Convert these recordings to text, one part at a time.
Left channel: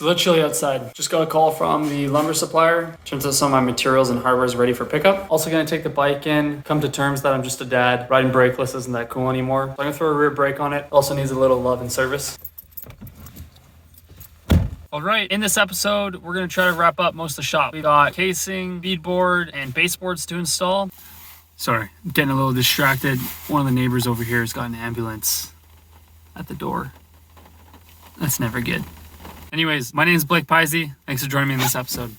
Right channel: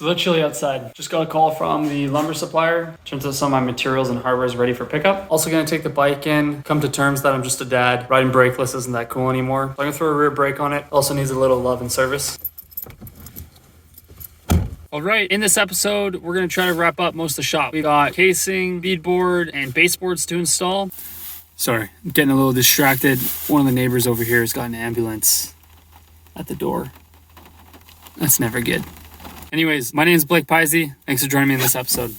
It's a little chilly outside. Just got a call from the lumber supplier. Turns out some of my materials and hardware is ready for pickup. Also gonna take the bike in, come to terms that I'm just a dad. Riding brakeless isn't that cool anymore. So I'm gonna throw a rear brake on it. Also needs a little love and service. All right, in this episode, we're gonna try to wrap up most of the shop. We got casing, beadboard, and baseboards to install. Sorry, I'm getting a little distracted. One of the neighbors over here has got an ambulance at the door. That's never good. Anyways, my name is Pizzey. Thanks for joining me in this episode.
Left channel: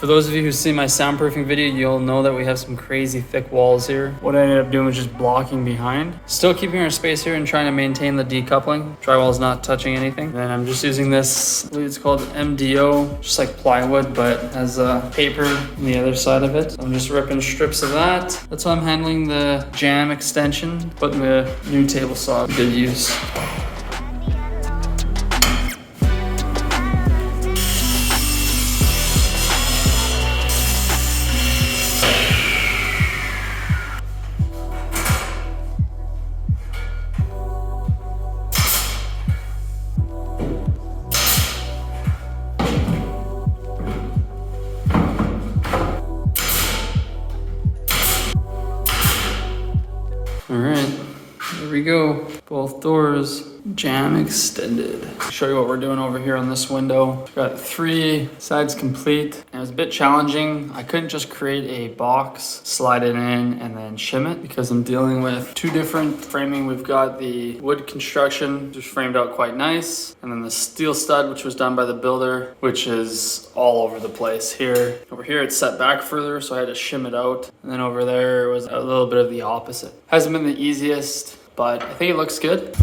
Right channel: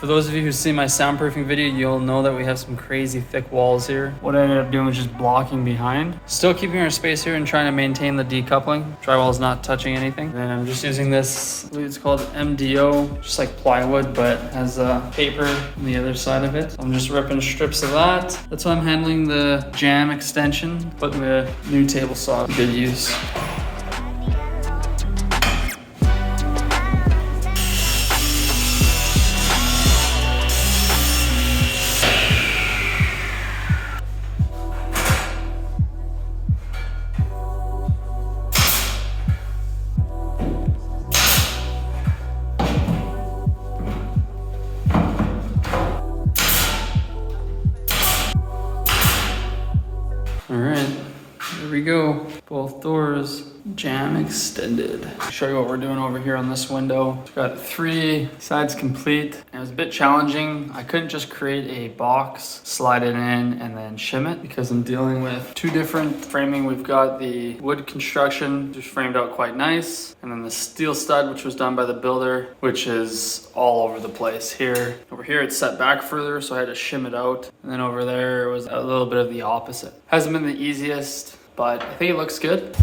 For those of you who've seen my soundproofing video, you'll know that we have some crazy thick walls here. What I ended up doing was just blocking behind. Still keeping our space here and trying to maintain the decoupling. Drywall's not touching anything. Then I'm just using this, I believe it's called MDO, just like plywood, but has paper on the other side of it. So I'm just ripping strips of that. That's why I'm handling the jam extension, putting the new table saw to good use. All right, there we go. Both doors, jam extended. I'll show you what we're doing over here on this window. Got 3 sides complete. It was a bit challenging. I couldn't just create a box, slide it in, and then shim it because I'm dealing with 2 different framing. We've got the wood construction, just framed out quite nice. And then the steel stud, which was done by the builder, which is all over the place here. Over here, it's set back further, so I had to shim it out. And then over there, it was a little bit of the opposite. Hasn't been the easiest, but I think it looks good.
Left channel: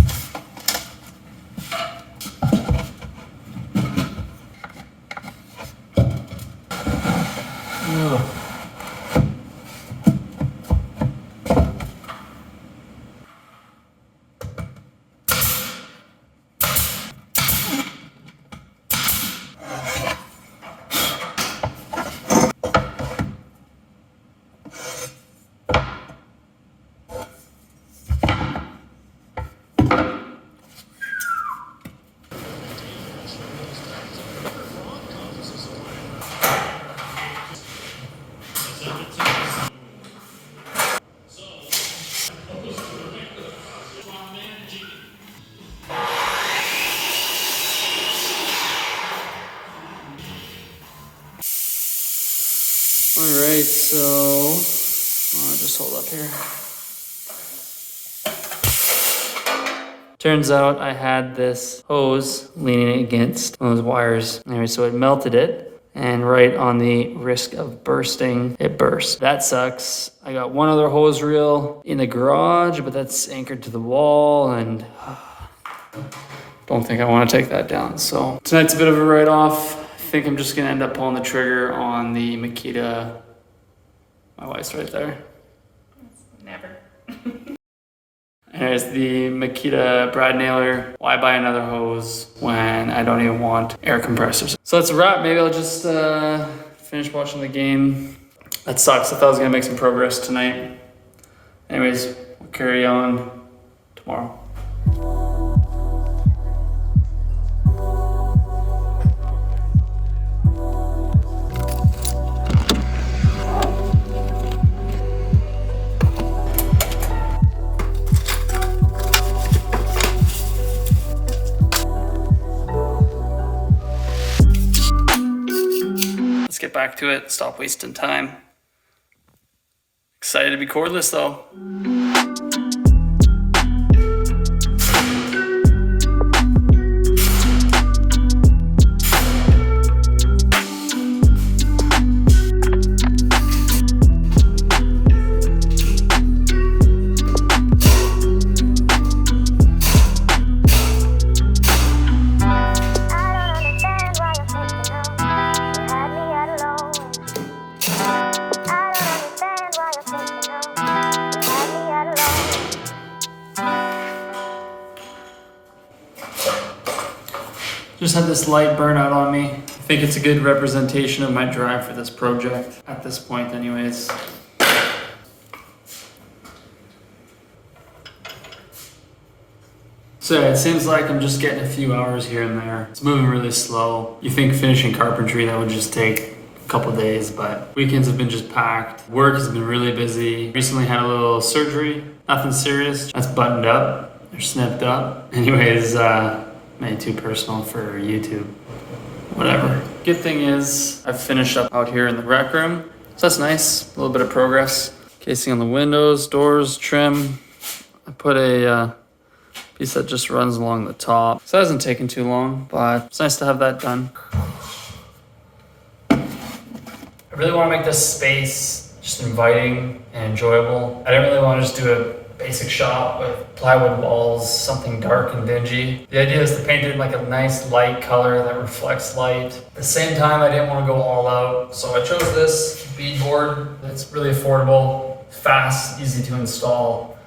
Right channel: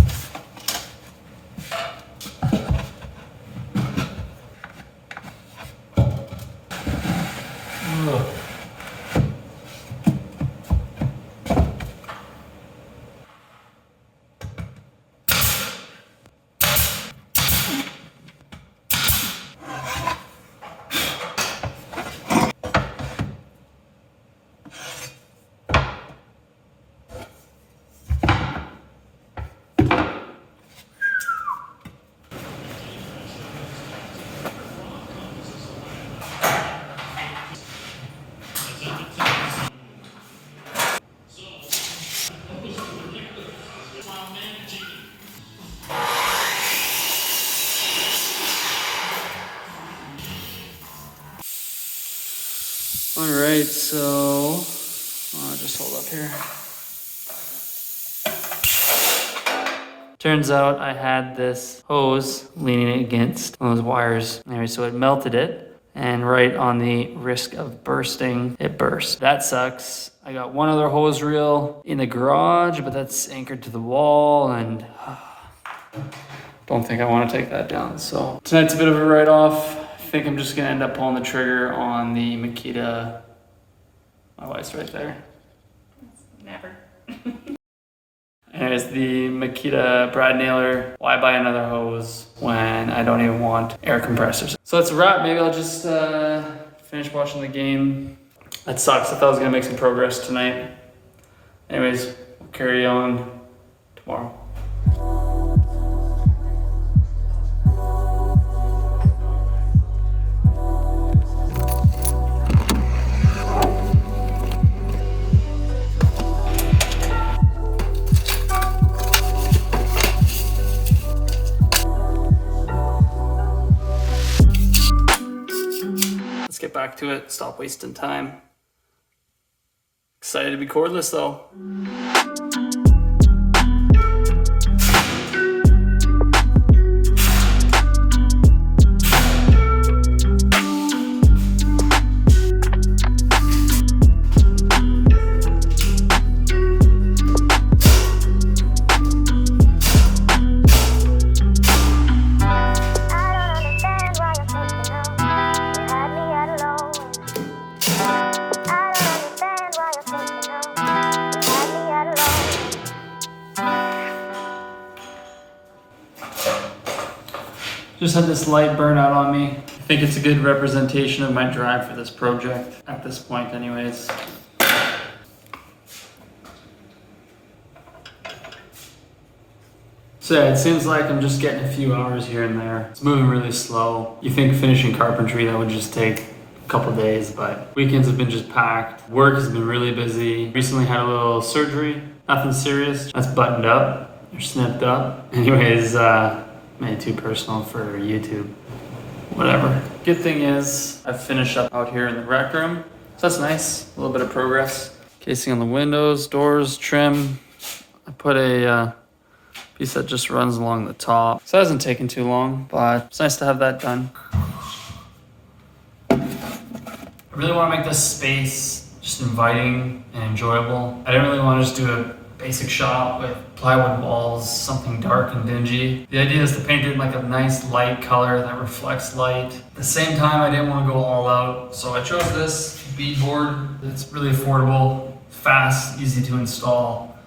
All right, so I'll just hold up here. Turns out I had this hose leaning against one of those wires. Anyway, so it melted it, and right on the risk of bursting, it burst. That sucks. I got one other hose reel in the garage, but that's anchored to the wall, and don't think I want to take that down. So tonight's a bit of a write-off. I think I'm just gonna end up pulling the trigger on the Makita. My wife's right there. Never. Anyways, the Makita brad nailer. Why buy another hose when I don't even want air compressors? So that's a wrap. Maybe I'll just finish watching the game. That sucks. I thought I was gonna make some progress tonight. Anyways, we'll carry on tomorrow. Let's get back to it, stop wasting time. Excited to be cordless though. I Just had this light burn out on me. I think it's a good representation of my drive for this project at this point anyways. So yeah, it seems like I'm just getting a few hours here and there. It's moving really slow. You think finishing carpentry, that would just take a couple days, but weekends have been just packed. Work has been really busy. Recently had a little surgery, nothing serious. That's buttoned up or snipped up. Anyways, made it too personal for YouTube. Whatever. Good thing is I've finished up out here in the rec room. So that's nice, a little bit of progress. Casing on the windows, doors, trim. I put a piece that just runs along the top. So it hasn't taken too long, but it's nice to have that done. I really want to make this space just inviting and enjoyable. I didn't really want to just do a basic shop with plywood walls, something dark and dingy. The idea is to paint it in like a nice light color that reflects light. At the same time, I didn't want to go all out, so I chose this beadboard that's really affordable, fast, easy to install,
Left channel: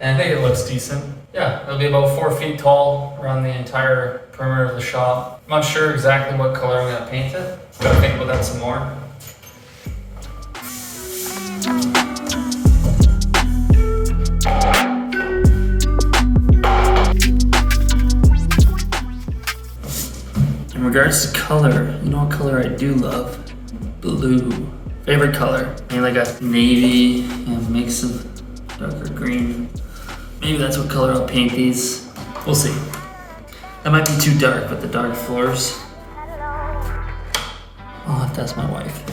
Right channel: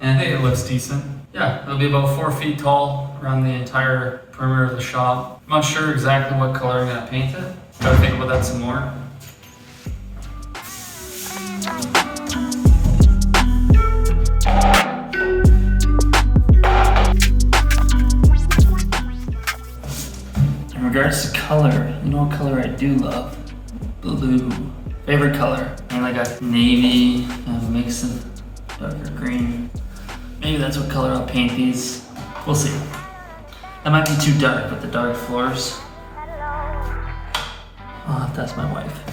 and I think it looks decent. Yeah, it'll be about 4 feet tall around the entire perimeter of the shop. I'm not sure exactly what color I'm gonna paint it. Gotta think about that some more. In regards to color, you know what color I do love? Blue. Favorite color. Maybe like a navy and mix of darker green. Maybe that's what color I'll paint these. We'll see. That might be too dark with the dark floors. I'll have to ask my wife.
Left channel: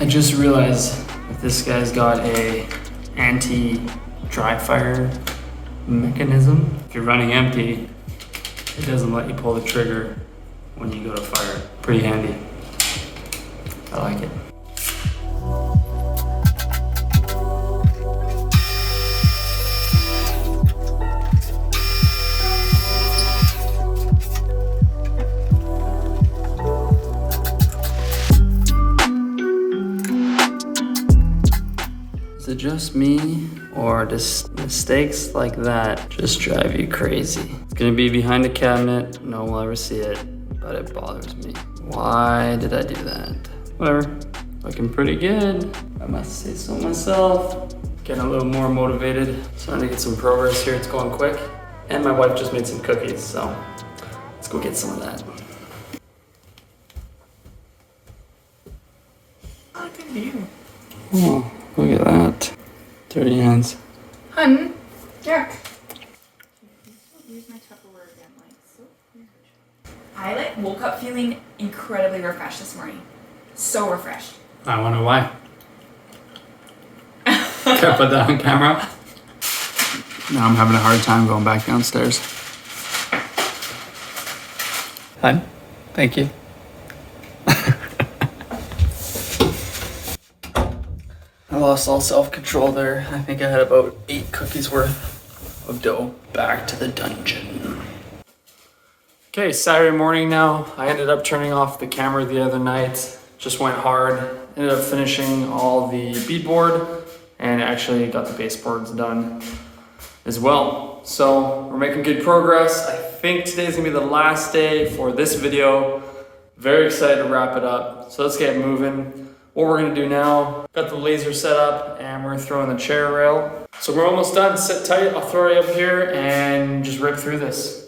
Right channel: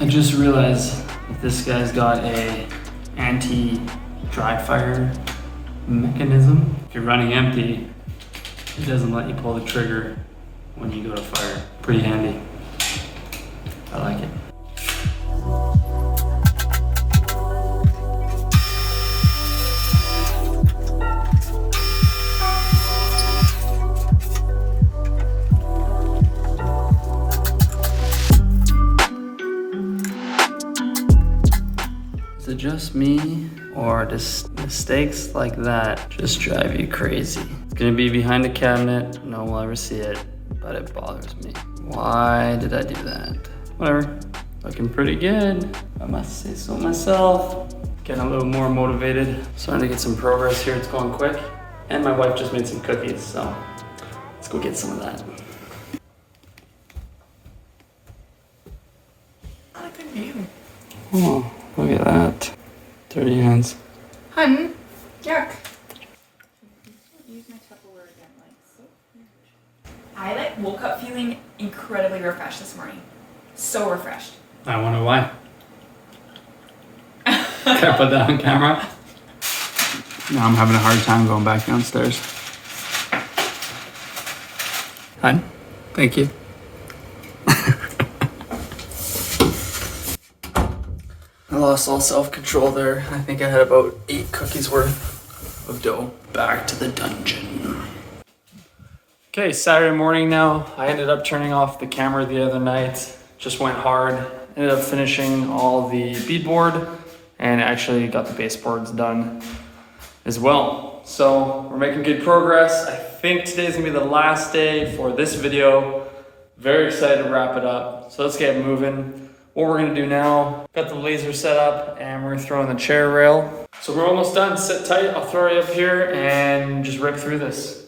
I just realized that this guy's got a anti-dry fire mechanism. If you're running empty, it doesn't let you pull the trigger when you go to fire. Pretty handy. I like it. Is it just me, or does mistakes like that just drive you crazy? It's gonna be behind the cabinet, no one will ever see it, but it bothers me. Why did I do that? Whatever, looking pretty good. I must say so myself. Getting a little more motivated. Starting to get some progress here, it's going quick. And my wife just made some cookies, so let's go get some of that. Oh, good view. Oh. Look at that. Dirty hands. Hun, yuck. Use my Tupperware again, like so weird. I woke up feeling incredibly refreshed this morning. So refreshed. I wonder why. Can I put that on camera? Now I'm having a hard time going back downstairs. Hi. Thank you. I lost all self-control there. I think I had about 8 cookies worth of dough. Back to the dungeon. Okay, Saturday morning now. I ended up turning off the camera the other night. Just went hard. Ended up finishing all the beadboard and actually got the baseboards done as well. So we're making good progress. I think today's gonna be the last day for this video. Very excited to wrap it up. So let's get moving. What we're gonna do now, got the laser set up and we're throwing the chair rail. So we're almost done, sit tight, I'll throw you up here and just rip through this.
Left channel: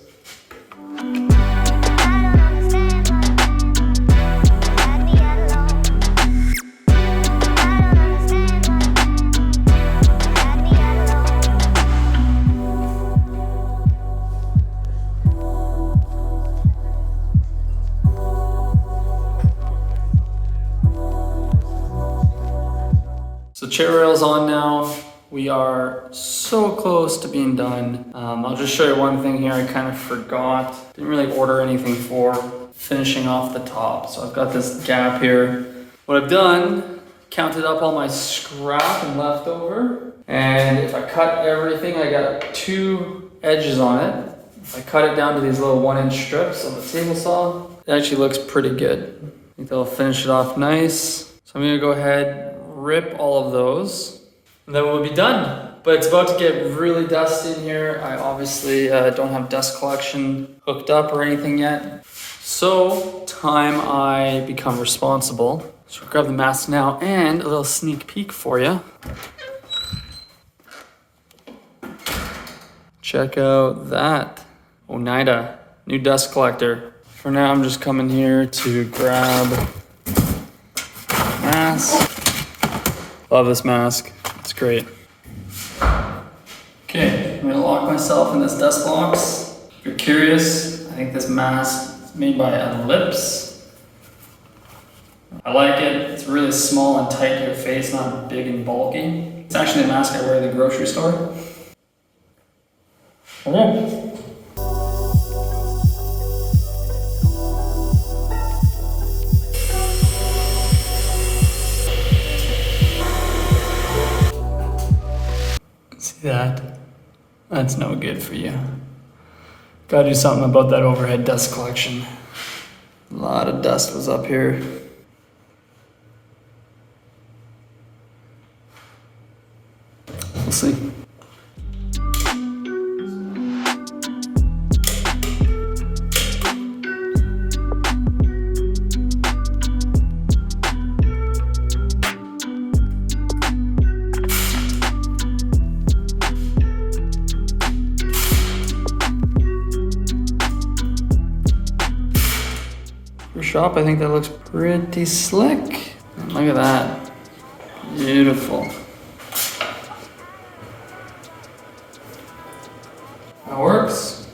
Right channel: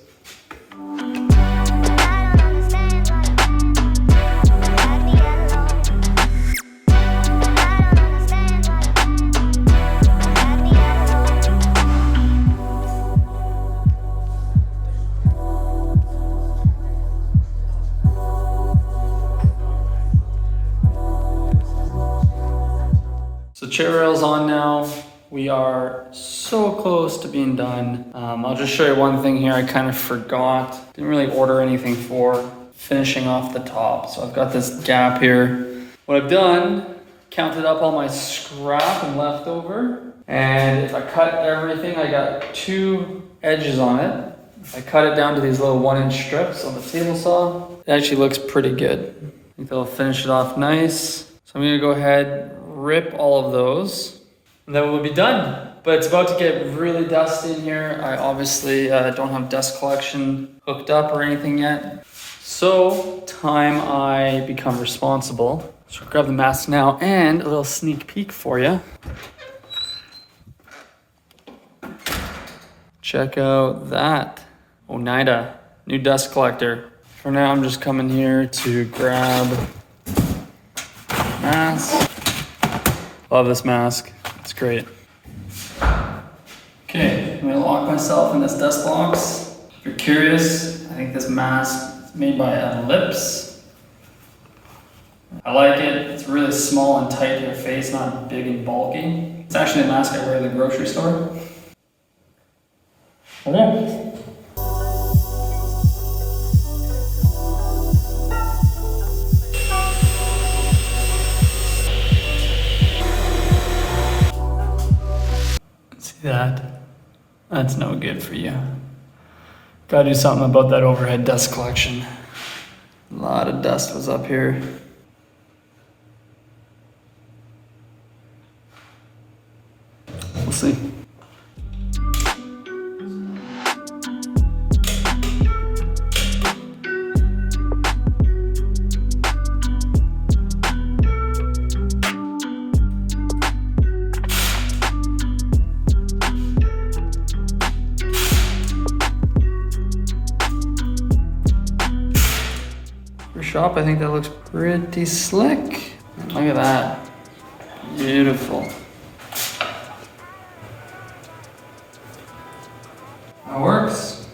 So chair rail's on now. We are so close to being done. I'll just show you one thing here I kind of forgot. Didn't really order anything for finishing off the top. So I've got this gap here. What I've done, counted up all my scrap and leftover. And if I cut everything, I got 2 edges on it. If I cut it down to these little 1-inch strips on the table saw, it actually looks pretty good. I think that'll finish it off nice. So I'm gonna go ahead, rip all of those, and then we'll be done. But it's about to get really dusty in here. I obviously don't have dust collection hooked up or anything yet. So, time I become responsible. So grab the mask now and a little sneak peek for you. Check out that Oneida new dust collector. For now, I'm just coming here to grab mask. Love this mask, it's great. Okay, I'm gonna lock myself in this dust box. If you're curious, I think this mask is made by Ellipse. I like it, it's really small and tight to your face, not big and bulky. It's actually a mask I wear at the grocery store. Okay. See that? That's no good for you. Gotta do something about that overhead dust collection. A lot of dust was up here. We'll see. For shop, I think that looks pretty slick. Look at that. Beautiful. That works.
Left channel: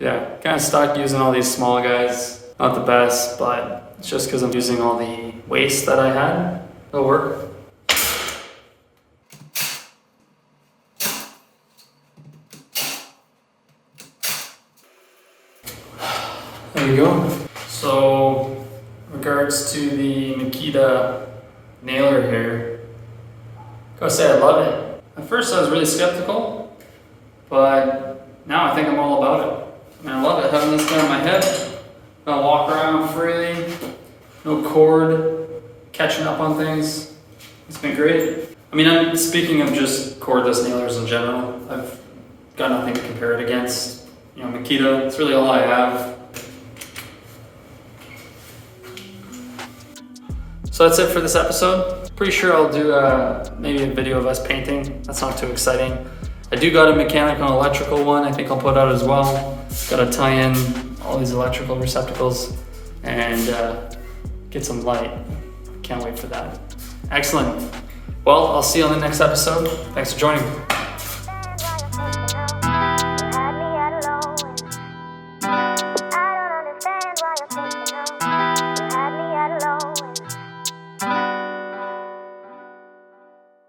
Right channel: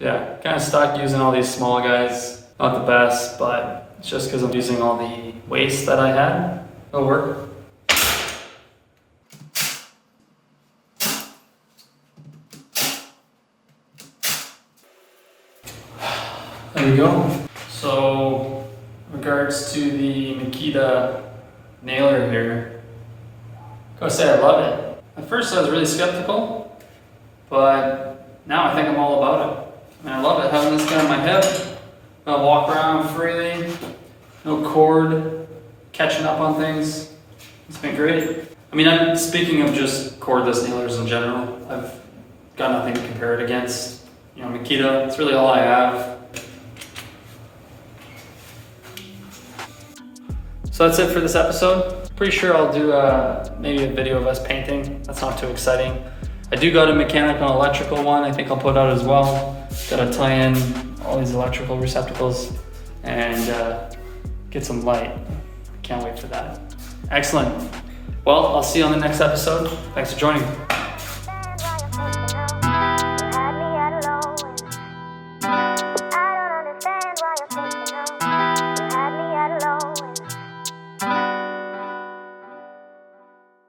Yeah, kind of stuck using all these small guys. Not the best, but it's just because I'm using all the waste that I had. It'll work. There you go. So, in regards to the Makita nailer here, I gotta say I love it. At first I was really skeptical, but now I think I'm all about it. I mean, I love it, having this guy on my hip. I walk around freely, no cord, catching up on things. It's been great. I mean, I'm speaking of just cordless nailers in general. I've got nothing to compare it against. You know, Makita, it's really all I have. So that's it for this episode. Pretty sure I'll do maybe a video of us painting. That's not too exciting. I do got a mechanical and electrical one I think I'll put out as well. Gotta tie in all these electrical receptacles and get some light. Can't wait for that. Excellent. Well, I'll see you on the next episode. Thanks for joining.